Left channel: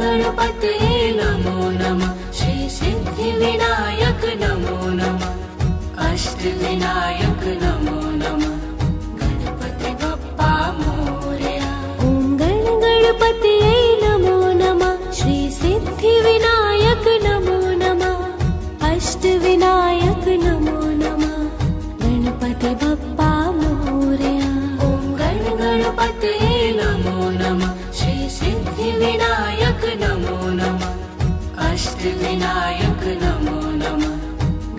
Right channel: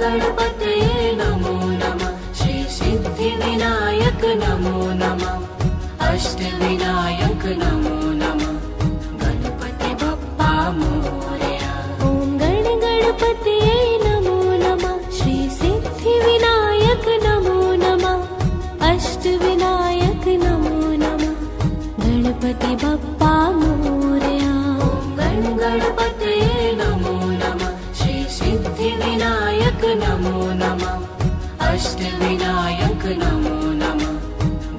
गणपतये नमो नमः। श्री सिद्धिविनायक नमो नमः। अष्टविनायक नमो नमः। गणपति बप्पा मोरया। ॐ गणपतये नमो नमः। श्री सिद्धिविनायक नमो नमः। अष्टविनायक नमो नमः। गणपति बप्पा मोरया। ॐ गणपतये नमो नमः। श्री सिद्धिविनायक नमो नमः। अष्टविनायक नमो नमः।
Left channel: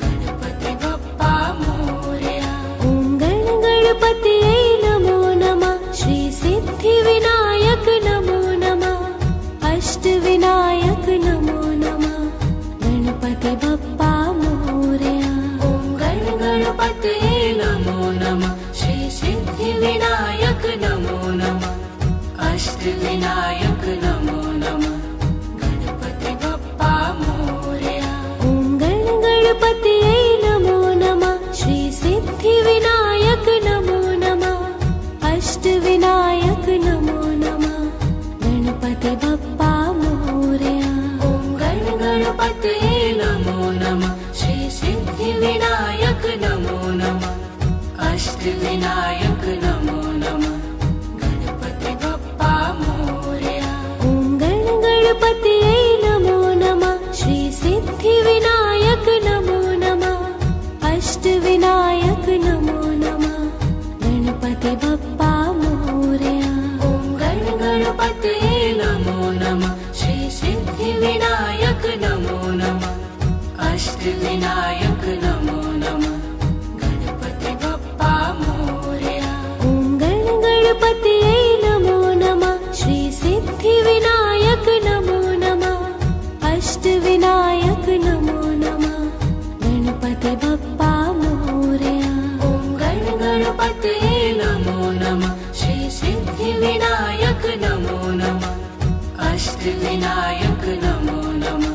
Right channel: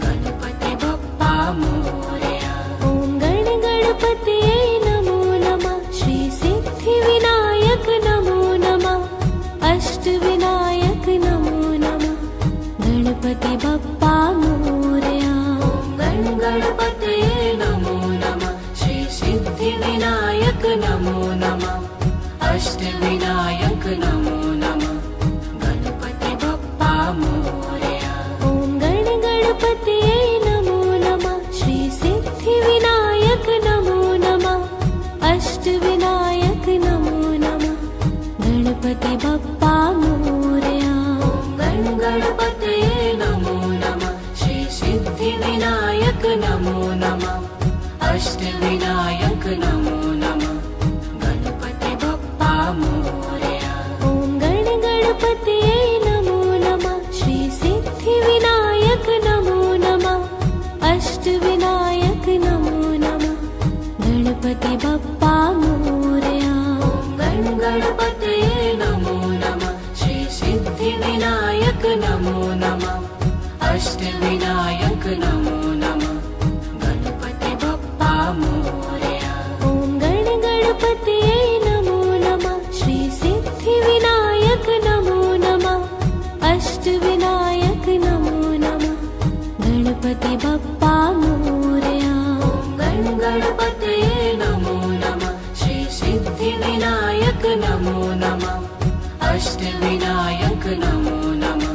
गणपति बप्पा मोरया। ॐ गणपतये नमो नमः। श्री सिद्धिविनायक नमो नमः। अष्टविनायक नमो नमः। गणपति बप्पा मोरया। ॐ गणपतये नमो नमः। श्री सिद्धिविनायक नमो नमः। अष्टविनायक नमो नमः। गणपति बप्पा मोरया। ॐ गणपतये नमो नमः। श्री सिद्धिविनायक नमो नमः। अष्टविनायक नमो नमः। गणपति बप्पा मोरया। ॐ गणपतये नमो नमः। श्री सिद्धिविनायक नमो नमः। अष्टविनायक नमो नमः। गणपति बप्पा मोरया। ॐ गणपतये नमो नमः। श्री सिद्धिविनायक नमो नमः। अष्टविनायक नमो नमः। गणपति बप्पा मोरया। ॐ गणपतये नमो नमः। श्री सिद्धिविनायक नमो नमः। अष्टविनायक नमो नमः। गणपति बप्पा मोरया। ॐ गणपतये नमो नमः। श्री सिद्धिविनायक नमो नमः। अष्टविनायक नमो नमः। गणपति बप्पा मोरया। ॐ गणपतये नमो नमः। श्री सिद्धिविनायक नमो नमः। अष्टविनायक नमो नमः।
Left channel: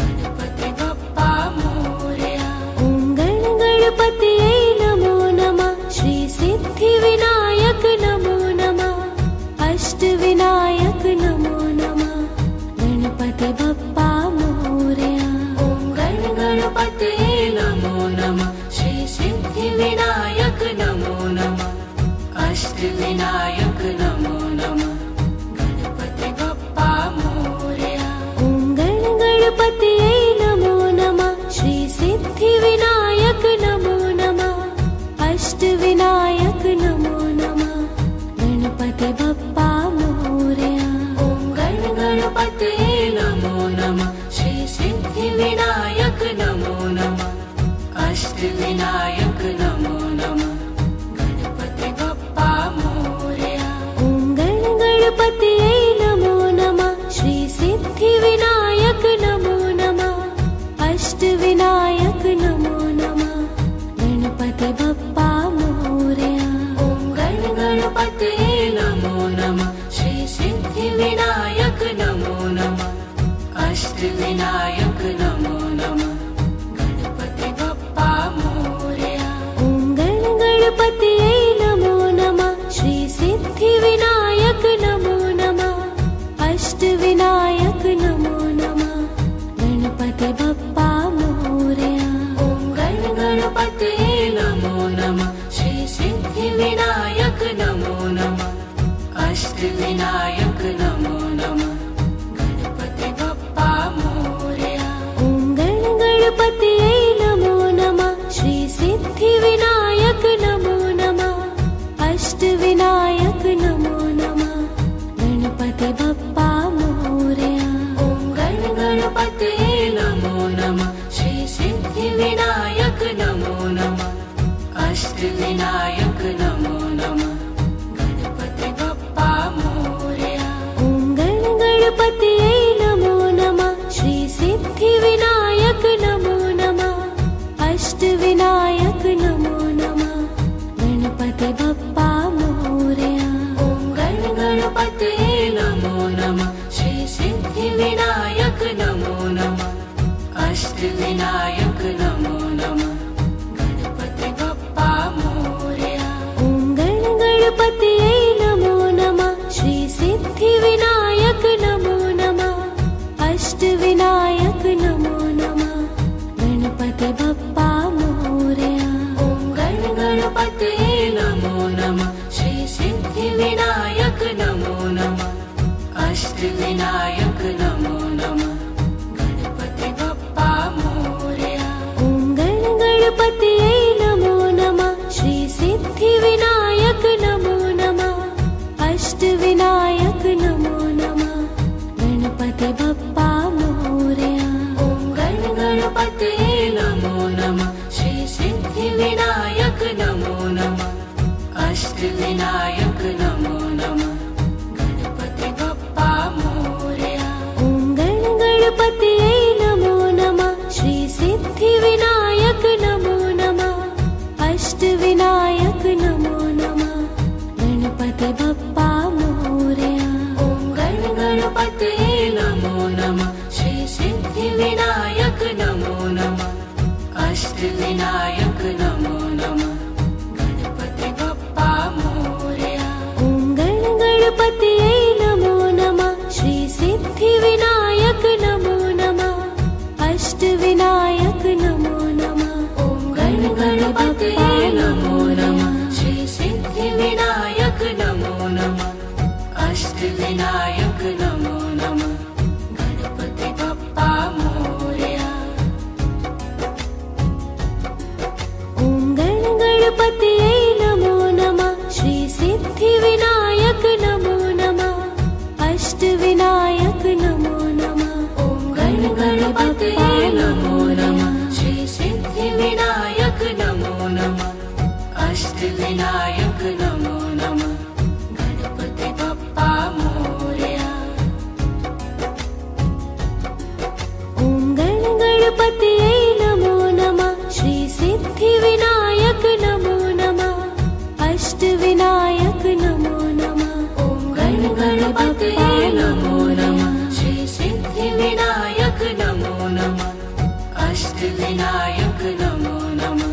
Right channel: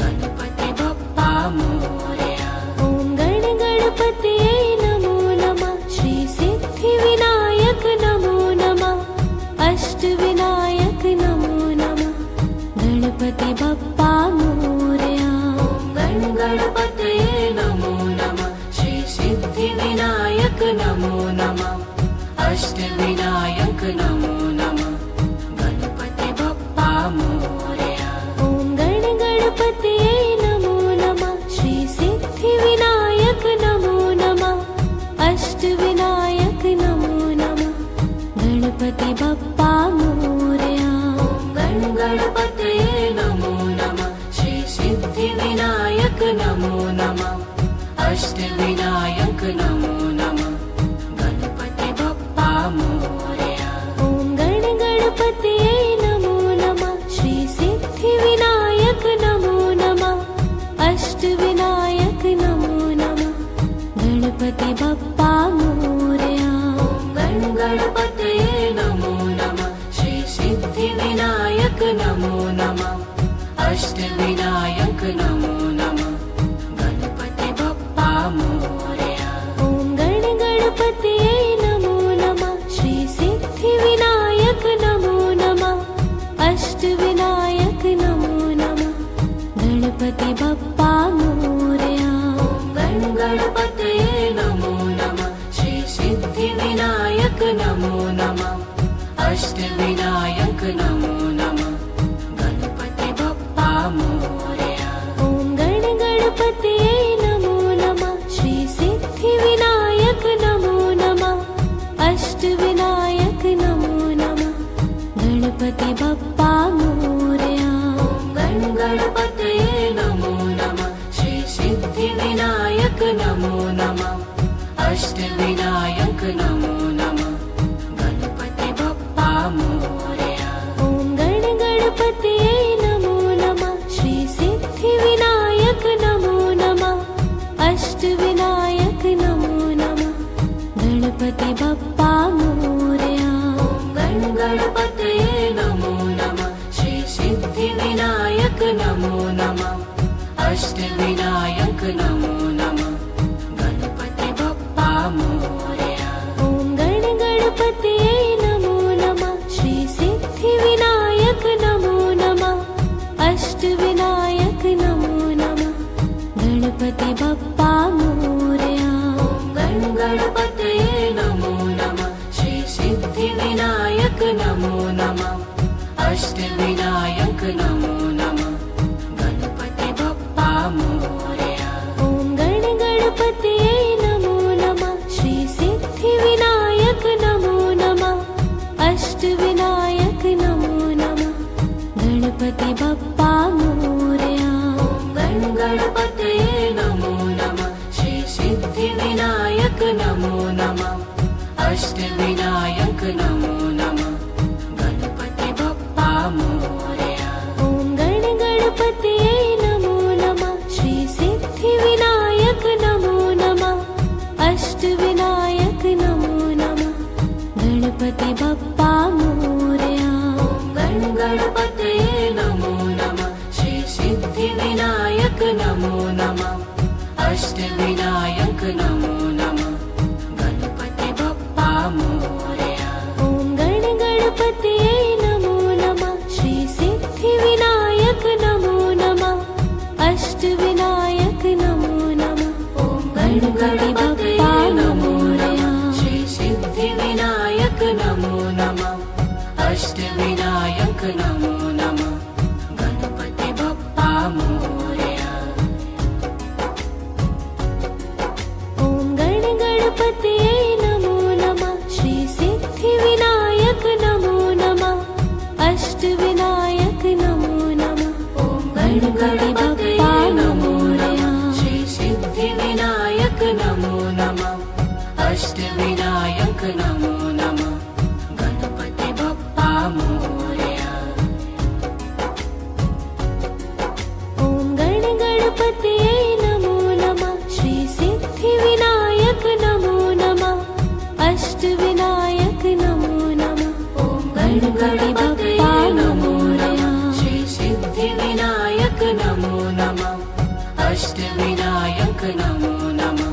गणपति बप्पा मोरया। ॐ गणपतये नमो नमः। श्री सिद्धिविनायक नमो नमः। अष्टविनायक नमो नमः। गणपति बप्पा मोरया। ॐ गणपतये नमो नमः। श्री सिद्धिविनायक नमो नमः। अष्टविनायक नमो नमः। गणपति बप्पा मोरया। ॐ गणपतये नमो नमः। श्री सिद्धिविनायक नमो नमः। अष्टविनायक नमो नमः। गणपति बप्पा मोरया। ॐ गणपतये नमो नमः। श्री सिद्धिविनायक नमो नमः। अष्टविनायक नमो नमः। गणपति बप्पा मोरया। ॐ गणपतये नमो नमः। श्री सिद्धिविनायक नमो नमः। अष्टविनायक नमो नमः। गणपति बप्पा मोरया। ॐ गणपतये नमो नमः। श्री सिद्धिविनायक नमो अष्टविनायक नमो नमः गणपति बप्पा मोरया। ॐ गणपतये नमो नमः श्री सिद्धिविनायक नमो नमः अष्टविनायक नमो नमः गणपति बप्पा मोरया। ॐ गणपतये नमो नमः श्री सिद्धिविनायक नमो नमः अष्टविनायक नमो नमः गणपति बप्पा मोरया। ॐ गणपतये नमो नमः श्री सिद्धिविनायक नमो नमः अष्टविनायक नमो नमः गणपति बप्पा मोरया। ॐ गणपतये नमो नमः श्री सिद्धिविनायक नमो नमः अष्टविनायक नमो नमः गणपति बप्पा मोरया। ॐ गणपतये नमो नमः श्री सिद्धिविनायक नमो नमः अष्टविनायक नमो नमः ॐ गणपतये नमो नमः श्री सिद्धिविनायक नमो नमः अष्टविनायक नमो नमः गणपति बप्पा मोरया। ॐ गणपतये नमो नमः श्री सिद्धिविनायक नमो नमः अष्टविनायक नमो नमः ॐ गणपतये नमो नमः श्री सिद्धिविनायक नमो नमः अष्टविनायक नमो नमः गणपति बप्पा मोरया। ॐ गणपतये नमो नमः श्री सिद्धिविनायक नमो नमः अष्टविनायक नमो नमः ॐ गणपतये नमो नमः श्री सिद्धिविनायक नमो नमः अष्टविनायक नमो नमः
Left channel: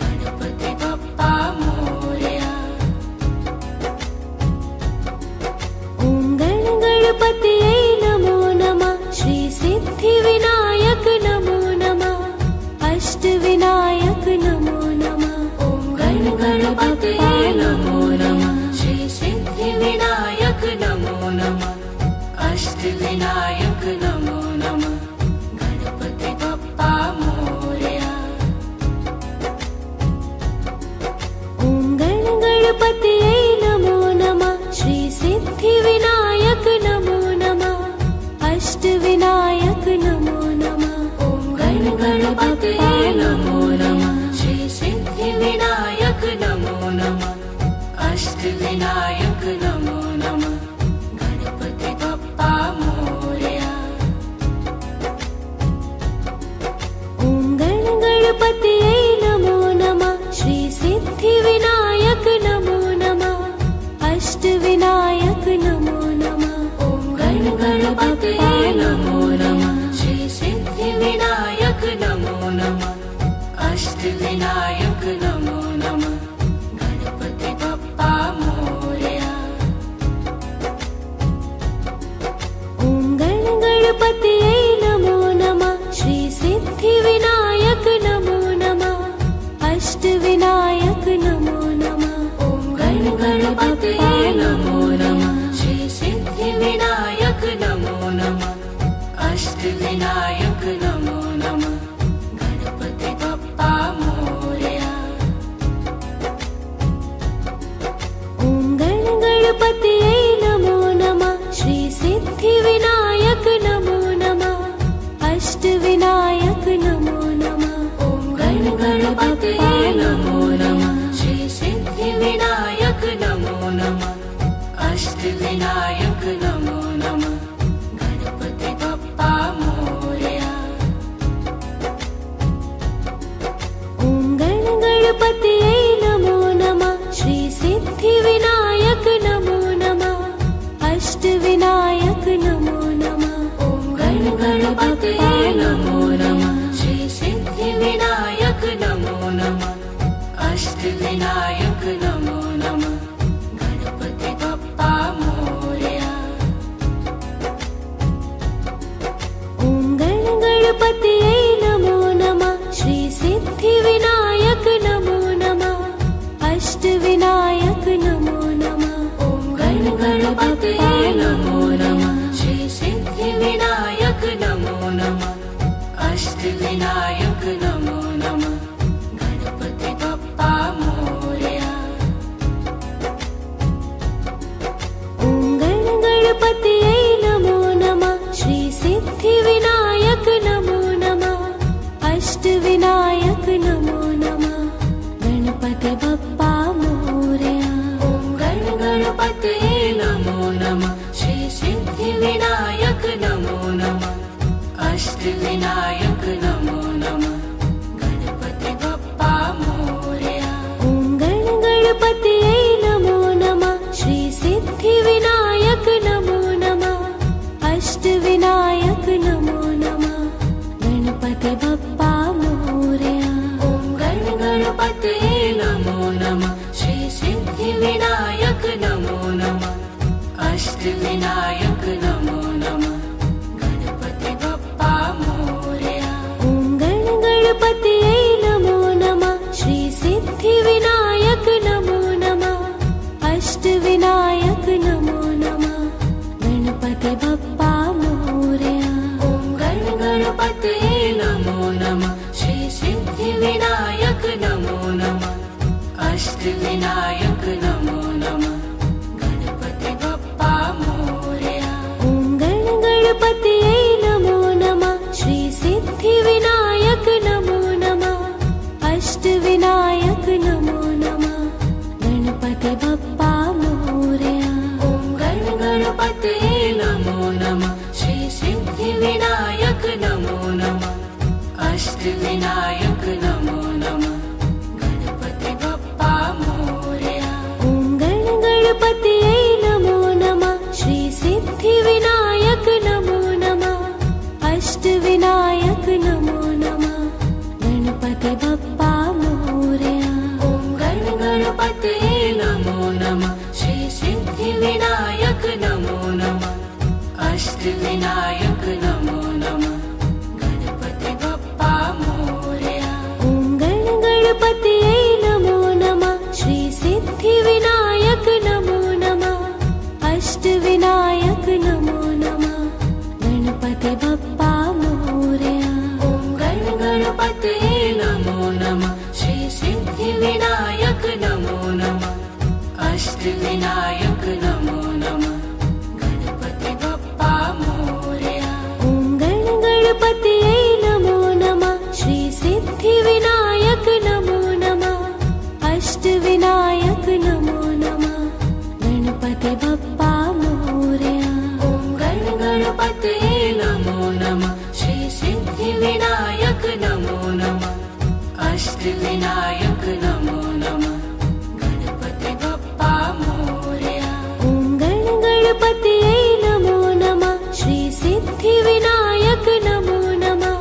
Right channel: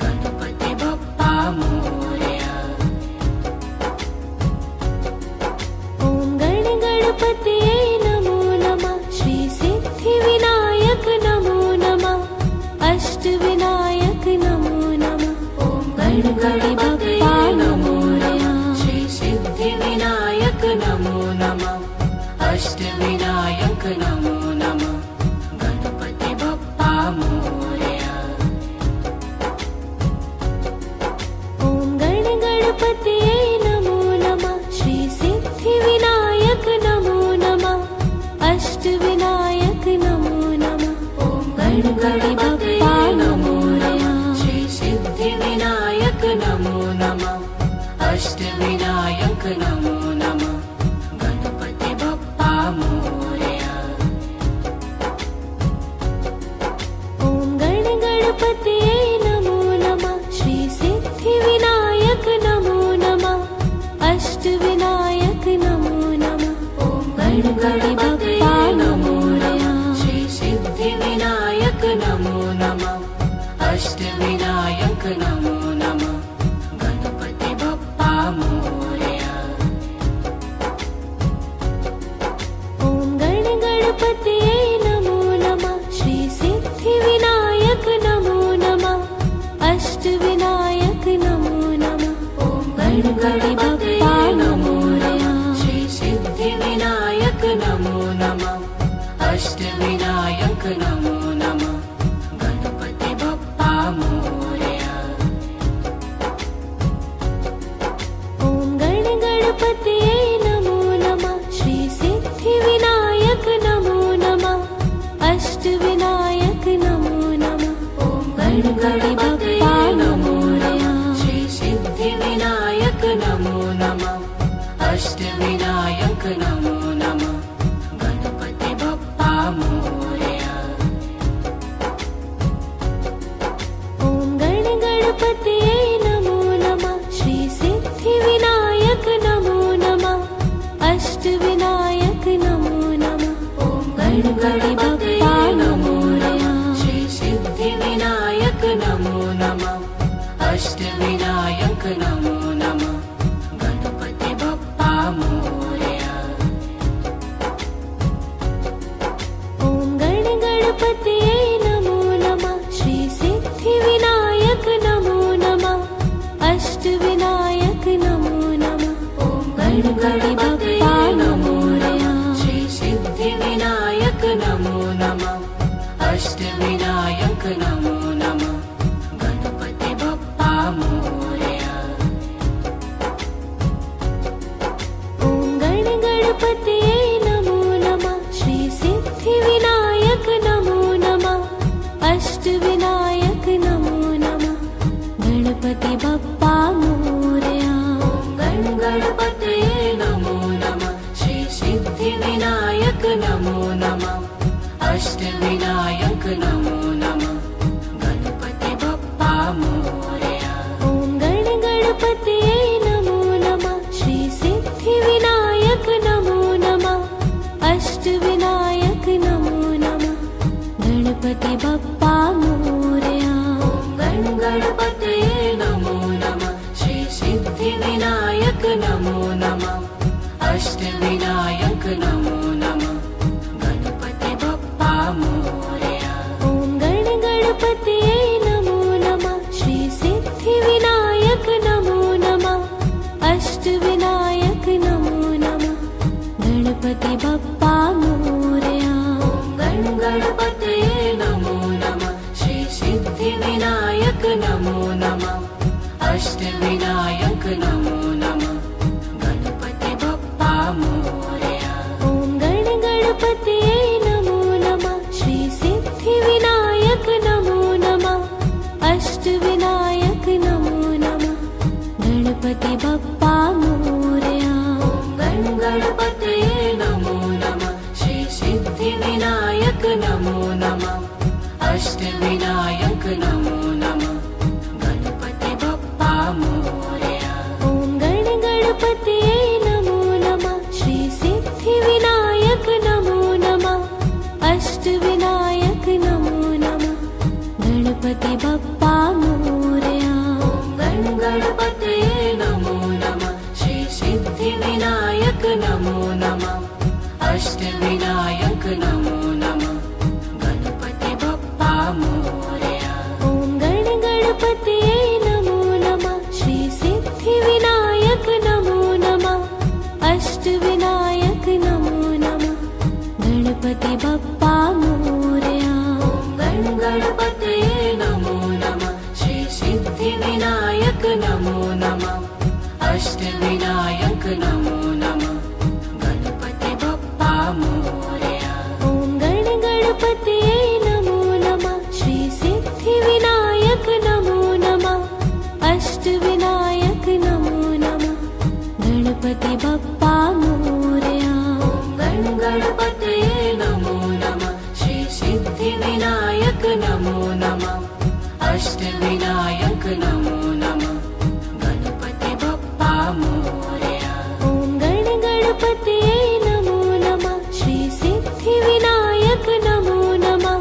गणपति बप्पा मोरया। ॐ गणपतये नमो नमः श्री सिद्धिविनायक नमो नमः अष्टविनायक नमो नमः ॐ गणपतये नमो नमः श्री सिद्धिविनायक नमो नमः अष्टविनायक नमो नमः गणपति बप्पा मोरया। ॐ गणपतये नमो नमः श्री सिद्धिविनायक नमो नमः अष्टविनायक नमो नमः ॐ गणपतये नमो नमः श्री सिद्धिविनायक नमो नमः अष्टविनायक नमो नमः गणपति बप्पा मोरया। ॐ गणपतये नमो नमः श्री सिद्धिविनायक नमो नमः अष्टविनायक नमो नमः ॐ गणपतये नमो नमः श्री सिद्धिविनायक नमो नमः अष्टविनायक नमो नमः गणपति बप्पा मोरया। ॐ गणपतये नमो नमः श्री सिद्धिविनायक नमो नमः अष्टविनायक नमो नमः ॐ गणपतये नमो नमः श्री सिद्धिविनायक नमो नमः अष्टविनायक नमो नमः गणपति बप्पा मोरया। ॐ गणपतये नमो नमः श्री सिद्धिविनायक गणपतये नमो नमः श्री सिद्धिविनायक नमो नमः अष्टविनायक नमो नमः गणपति बप्पा मोरया। ॐ गणपतये नमो नमः श्री सिद्धिविनायक नमो नमः अष्टविनायक नमो नमः गणपति बप्पा मोरया। गणपतये नमो नमः श्री सिद्धिविनायक नमो नमः अष्टविनायक नमो नमः गणपति बप्पा मोरया। ॐ गणपतये नमो नमः श्री सिद्धिविनायक नमो नमः अष्टविनायक नमो नमः गणपति बप्पा मोरया। गणपतये नमो नमः श्री सिद्धिविनायक नमो नमः अष्टविनायक नमो नमः गणपति बप्पा मोरया। ॐ गणपतये नमो नमः श्री सिद्धिविनायक नमो नमः अष्टविनायक नमो नमः गणपति बप्पा मोरया। गणपतये नमो नमः श्री सिद्धिविनायक नमो नमः अष्टविनायक नमो नमः गणपति बप्पा मोरया। ॐ गणपतये नमो नमः श्री सिद्धिविनायक नमो नमः अष्टविनायक नमो नमः गणपति बप्पा मोरया। गणपतये नमो नमः श्री सिद्धिविनायक नमो नमः अष्टविनायक नमो नमः गणपति बप्पा मोरया। ॐ गणपतये नमो नमः श्री सिद्धिविनायक नमो नमः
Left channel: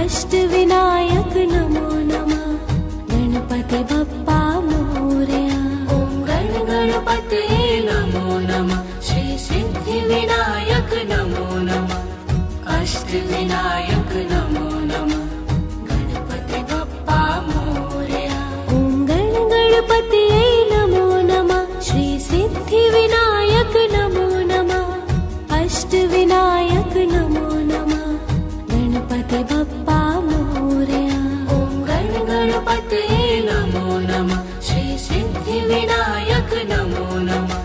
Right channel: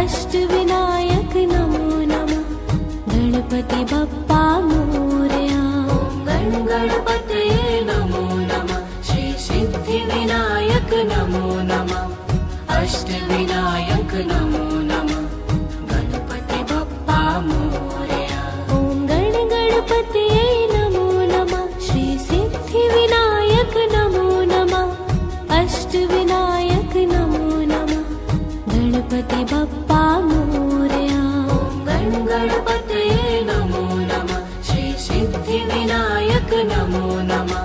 अष्टविनायक नमो नमः गणपति बप्पा मोरया। गणपतये नमो नमः श्री सिद्धिविनायक नमो नमः अष्टविनायक नमो नमः गणपति बप्पा मोरया। ॐ गणपतये नमो नमः श्री सिद्धिविनायक नमो नमः अष्टविनायक नमो नमः गणपति बप्पा मोरया। गणपतये नमो नमः श्री सिद्धिविनायक नमो नमः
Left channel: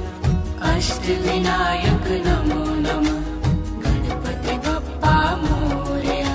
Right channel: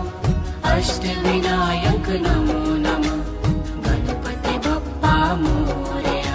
अष्टविनायक नमो नमः गणपति बप्पा मोरया।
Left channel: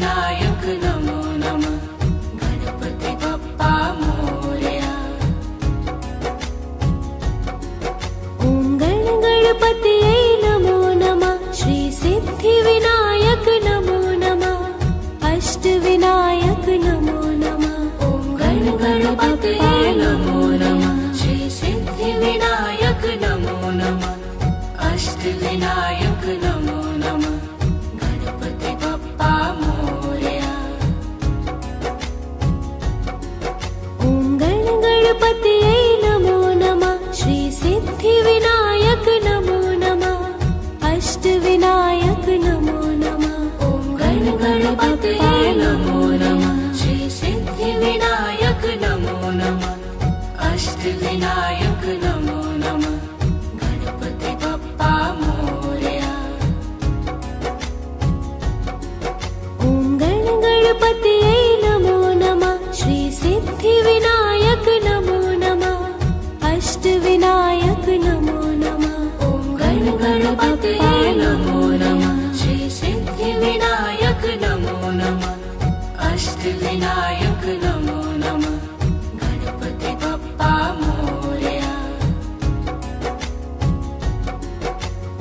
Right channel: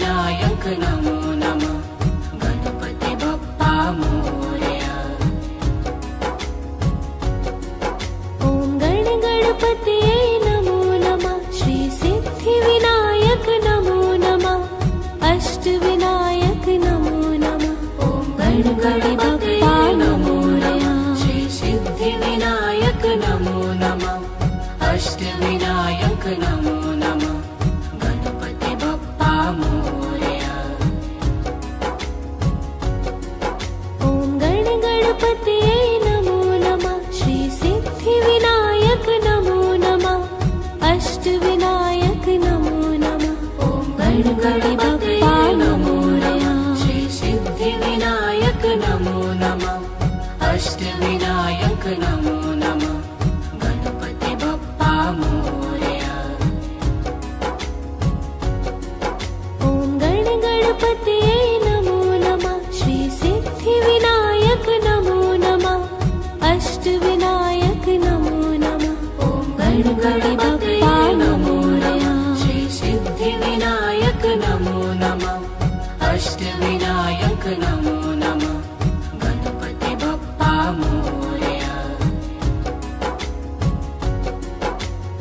अष्टविनायक नमो नमः गणपति बप्पा मोरया। ॐ गणपतये नमो नमः श्री सिद्धिविनायक नमो नमः अष्टविनायक नमो नमः। ॐ गणपतये नमो नमः श्री सिद्धिविनायक नमो नमः अष्टविनायक नमो नमः गणपति बप्पा मोरया। ॐ गणपतये नमो नमः श्री सिद्धिविनायक नमो नमः अष्टविनायक नमो नमः। ॐ गणपतये नमो नमः श्री सिद्धिविनायक नमो नमः अष्टविनायक नमो नमः गणपति बप्पा मोरया। ॐ गणपतये नमो नमः श्री सिद्धिविनायक नमो नमः अष्टविनायक नमो नमः। ॐ गणपतये नमो नमः श्री सिद्धिविनायक नमो नमः अष्टविनायक नमो नमः गणपति बप्पा मोरया।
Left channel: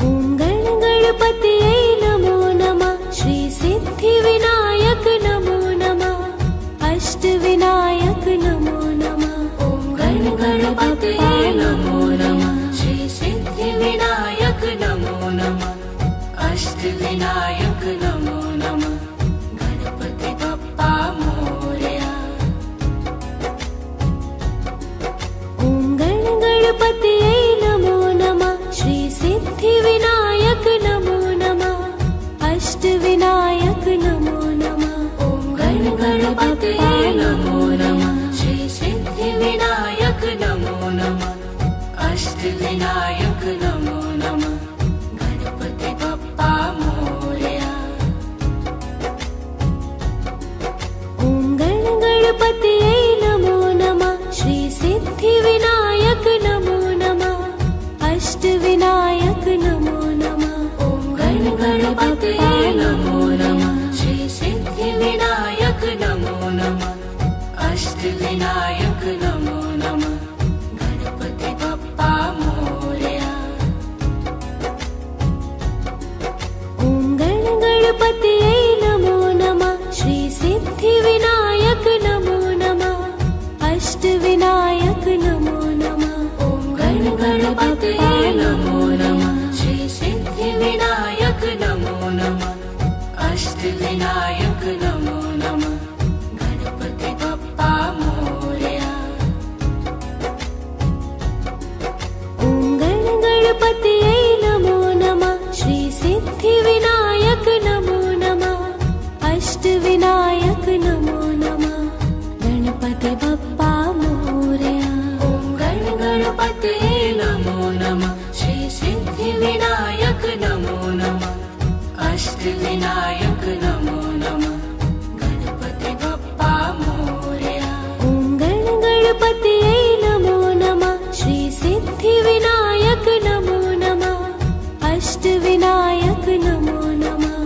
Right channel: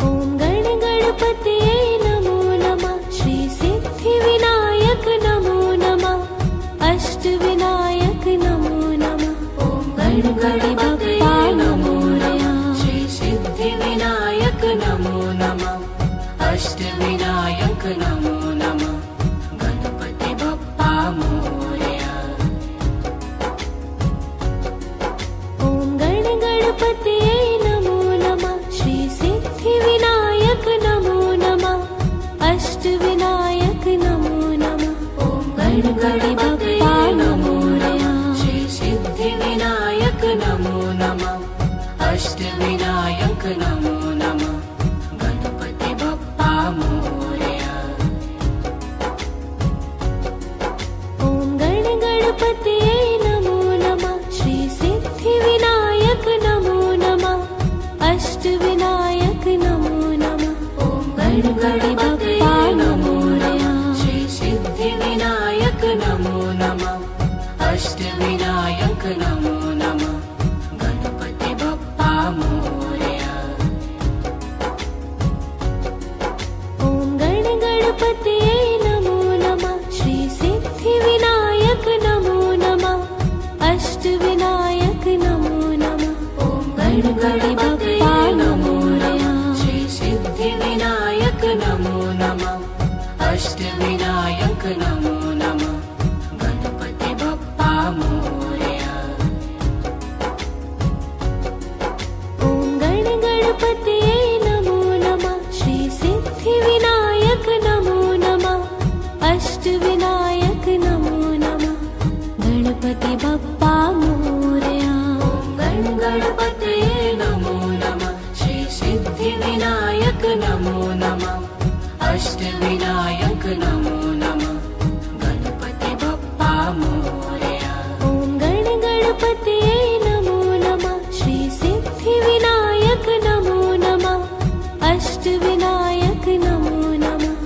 ॐ गणपतये नमो नमः श्री सिद्धिविनायक नमो नमः अष्टविनायक नमो नमः। ॐ गणपतये नमो नमः श्री सिद्धिविनायक नमो नमः अष्टविनायक नमो नमः गणपति बप्पा मोरया। ॐ गणपतये नमो नमः श्री सिद्धिविनायक नमो नमः अष्टविनायक नमो नमः। ॐ गणपतये नमो नमः श्री सिद्धिविनायक नमो नमः अष्टविनायक नमो नमः गणपति बप्पा मोरया। ॐ गणपतये नमो नमः श्री सिद्धिविनायक नमो नमः अष्टविनायक नमो नमः। ॐ गणपतये नमो नमः श्री सिद्धिविनायक नमो नमः अष्टविनायक नमो नमः गणपति बप्पा मोरया। ॐ गणपतये नमो नमः श्री सिद्धिविनायक नमो नमः अष्टविनायक नमो नमः। ॐ गणपतये नमो नमः श्री सिद्धिविनायक नमो नमः अष्टविनायक नमो नमः गणपति बप्पा मोरया। ॐ गणपतये नमो नमः श्री सिद्धिविनायक नमो नमः अष्टविनायक नमो नमः गणपति बप्पा मोरया। ॐ गणपतये नमो नमः श्री सिद्धिविनायक नमो नमः अष्टविनायक नमो नमः गणपति बप्पा मोरया। ॐ गणपतये नमो नमः श्री सिद्धिविनायक नमो नमः अष्टविनायक नमो नमः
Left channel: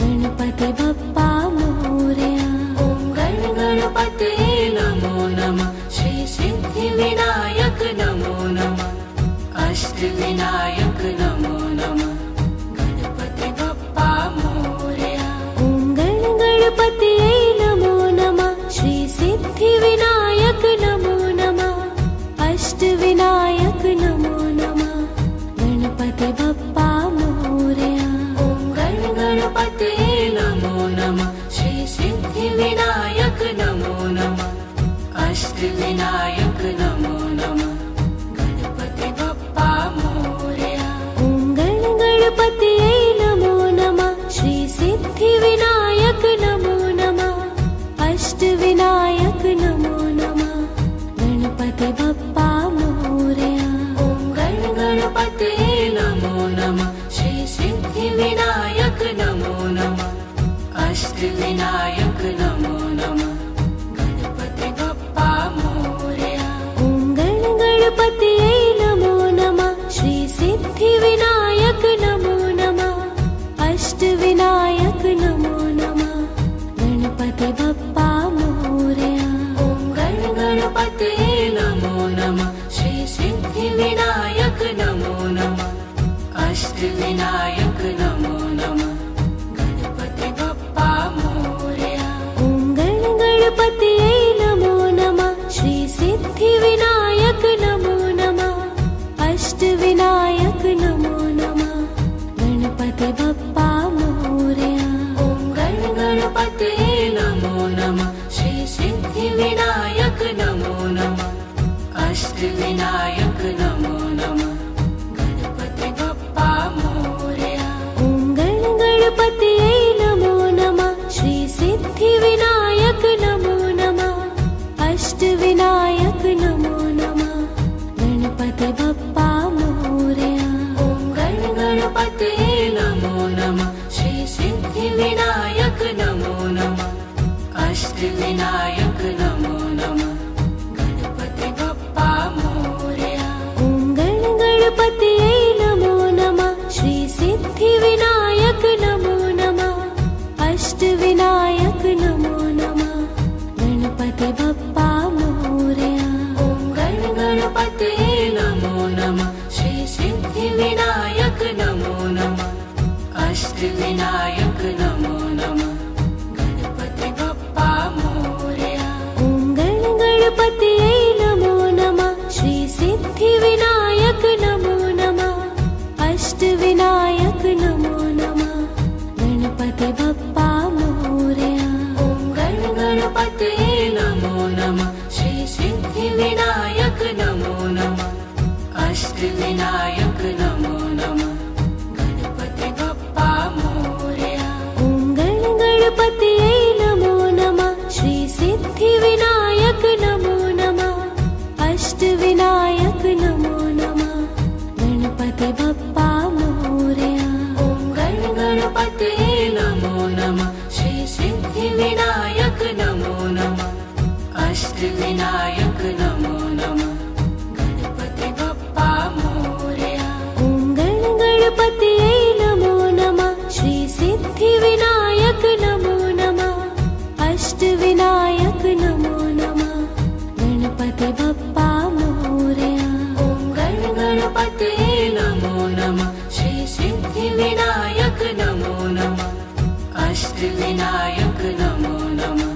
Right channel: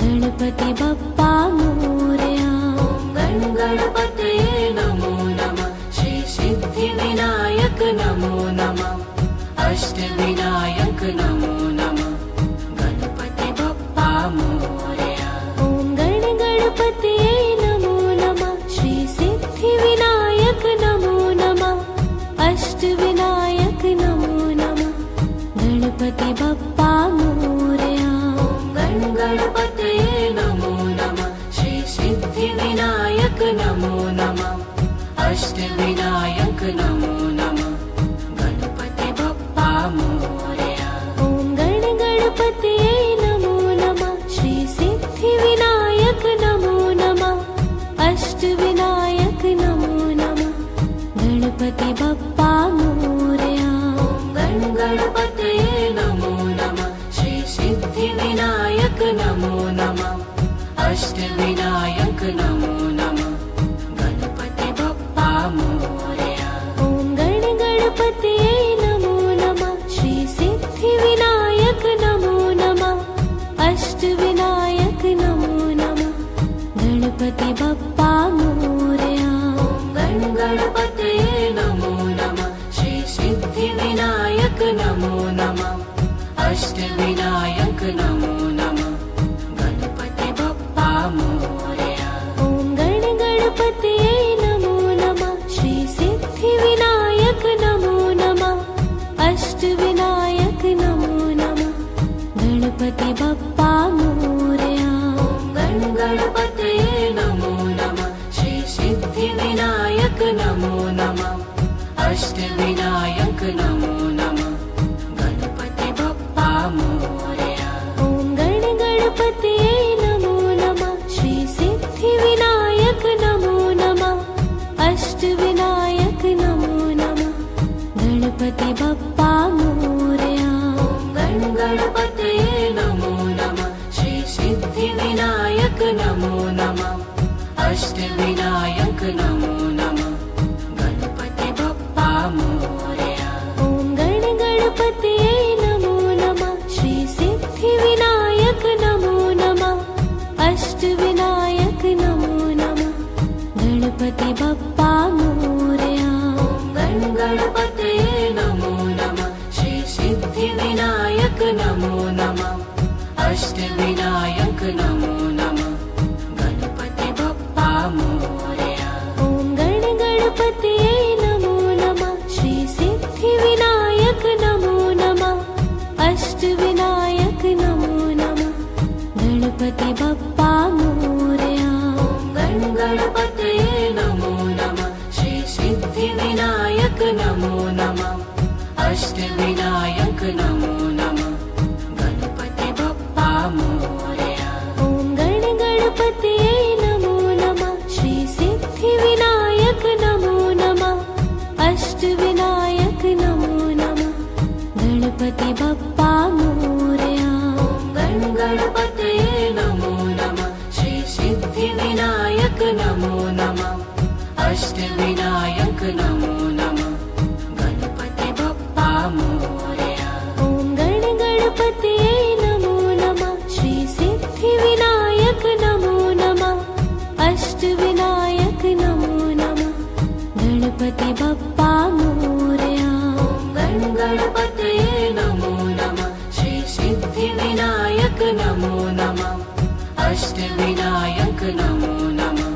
गणपति बप्पा मोरया। ॐ गणपतये नमो नमः श्री सिद्धिविनायक नमो नमः अष्टविनायक नमो नमः गणपति बप्पा मोरया। ॐ गणपतये नमो नमः श्री सिद्धिविनायक नमो नमः अष्टविनायक नमो नमः गणपति बप्पा मोरया। ॐ गणपतये नमो नमः श्री सिद्धिविनायक नमो नमः अष्टविनायक नमो नमः गणपति बप्पा मोरया। ॐ गणपतये नमो नमः श्री सिद्धिविनायक नमो नमः अष्टविनायक नमो नमः गणपति बप्पा मोरया। ॐ गणपतये नमो नमः श्री सिद्धिविनायक नमो नमः अष्टविनायक नमो नमः गणपति बप्पा मोरया। ॐ गणपतये नमो नमः श्री सिद्धिविनायक नमो नमः अष्टविनायक नमो नमः गणपति बप्पा मोरया। गण गणपतये नमो नमः। श्री सिद्धि विनायक नमो नमः। अष्ट विनायक नमो नमः। गणपति बप्पा मोरया। ॐ गण गणपतये नमो नमः। श्री सिद्धि विनायक नमो नमः। अष्ट विनायक नमो नमः। गणपति बप्पा मोरया। गण गणपतये नमो नमः। श्री सिद्धि विनायक नमो नमः। अष्ट विनायक नमो नमः। गणपति बप्पा मोरया। ॐ गण गणपतये नमो नमः। श्री सिद्धि विनायक नमो नमः। अष्ट विनायक नमो नमः। गणपति बप्पा मोरया। गण गणपतये नमो नमः। श्री सिद्धि विनायक नमो नमः। अष्ट विनायक नमो नमः। गणपति बप्पा मोरया। ॐ गण गणपतये नमो नमः। श्री सिद्धि विनायक नमो नमः। अष्ट विनायक नमो नमः। गणपति बप्पा मोरया। गण गणपतये नमो नमः। श्री सिद्धि विनायक नमो नमः। अष्ट विनायक नमो नमः। गणपति बप्पा मोरया। ॐ गण गणपतये नमो नमः। श्री सिद्धि विनायक नमो नमः। अष्ट विनायक नमो नमः। गणपति बप्पा मोरया। गण गणपतये नमो नमः। श्री सिद्धि विनायक नमो नमः। अष्ट विनायक नमो नमः। गणपति बप्पा मोरया। ॐ गण गणपतये नमो नमः। श्री सिद्धि विनायक नमो नमः। अष्ट विनायक नमो नमः। गणपति बप्पा मोरया। गण गणपतये नमो नमः। श्री सिद्धि विनायक नमो नमः। अष्ट विनायक नमो नमः। गणपति बप्पा मोरया। ॐ गण गणपतये नमो नमः। श्री सिद्धि विनायक नमो नमः। अष्ट विनायक नमो नमः। गणपति बप्पा मोरया। गण गणपतये नमो नमः। श्री सिद्धि विनायक नमो नमः। अष्ट विनायक नमो नमः।